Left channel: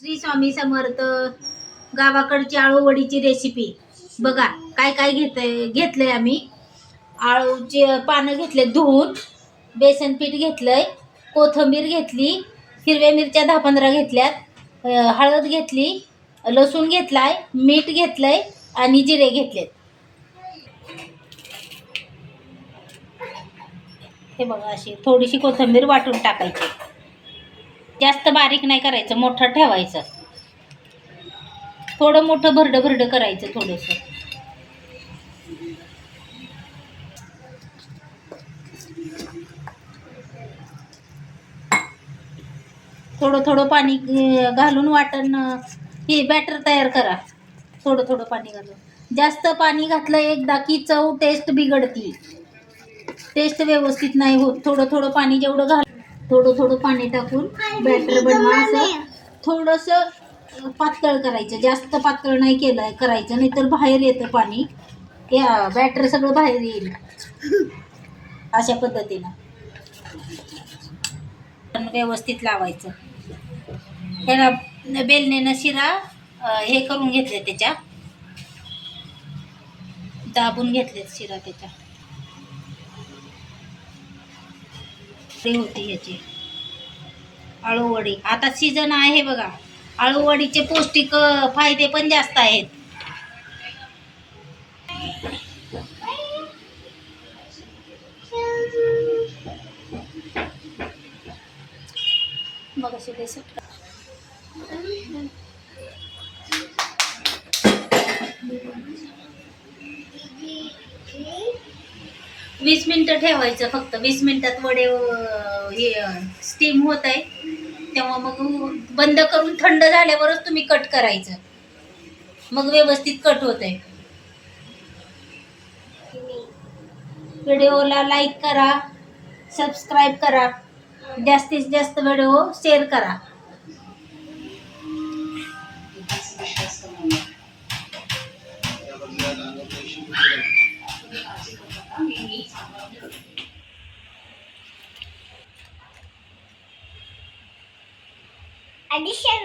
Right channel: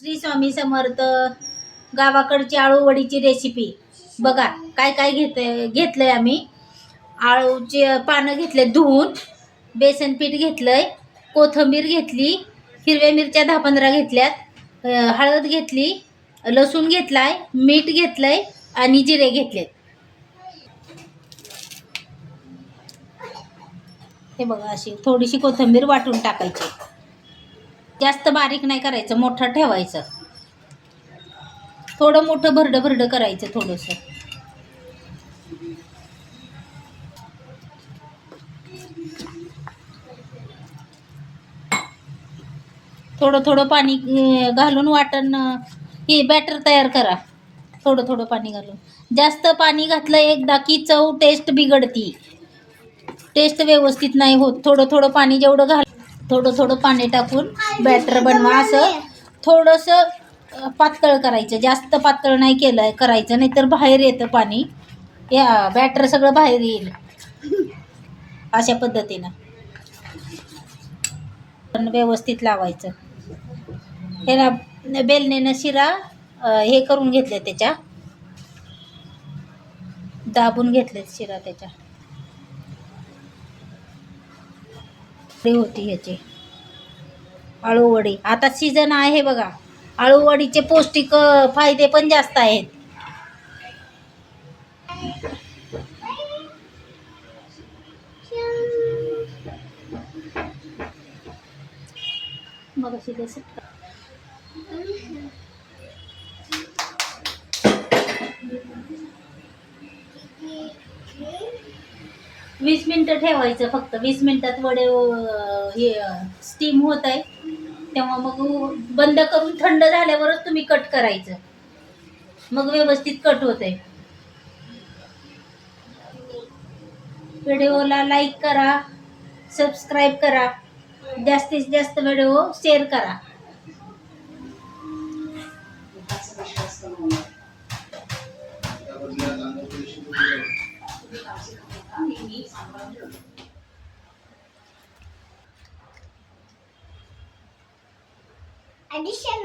श्री स्वामी समर्थ. गावाकडची आळूवडीची रेसिपी बघा. काय काय घेतलंय आम्ही. आळूचे पानं घेतले धुवून, बेसन पीठ घेतलंय, कोथिंबीर घेतली, हिरव्या मिरच्या 10-15 घेतल्यात, हळद घेतली, लसूण घेतलाय, मीठ घेतलंय आणि जिरे घेतलेत. हे बघा, अशी थोडीशी कोथिंबीर वाटून टाकायची. जास्त बारीक नाही करायचं, मोठं ठेवायचं. थोडं मोठं भरडं भरडं करायचं थोडंसं. थोडं थोडं पाणी घालून वाटण हे बॅटर तयार करा. थोडं थोडं पाणी घालून. जास्त पाणी घातलं एकदा की चव टेस्ट बिघडती, टेस्ट व्यवस्थित नाही होत. थोडं थोडं पाणी जेवढं थोडं थोडं पाणी टाकून बॅटर बनवा. असं थोडंसं पातळ करायचं, जास्त पातळ नाही केलं करायचं, नाहीतर बाहेर येतं पाणी. या बॅटर सगळं बाहेर येईल. अशा पद्धतीनं व्यवस्थित लावायचं. ह्याला बेलण्यानं शिरा हे करून घेतले, त्याच्या दाबून घेतले शिरा. त्याच्या होती ह्याची आळूवडी. आता सीझन आहे बघा. आळूवडीचे पौष्टिक फायदे पण जास्त आहेत. मग अशी बेसन 20 मिनिटं ठेवायचं. फक्त 20 मिनिटात वडे हे स्टीम होत आहे. तेव्हा मग बंद करून थंड झाल्यावरच तुम्ही कट करायचं. मग व्यवस्थित कट होत आहे. व्हिडिओला लाईक करा, सबस्क्राईब करा, जास्तीत जास्त व्हिडिओ शेअर करा. Addition.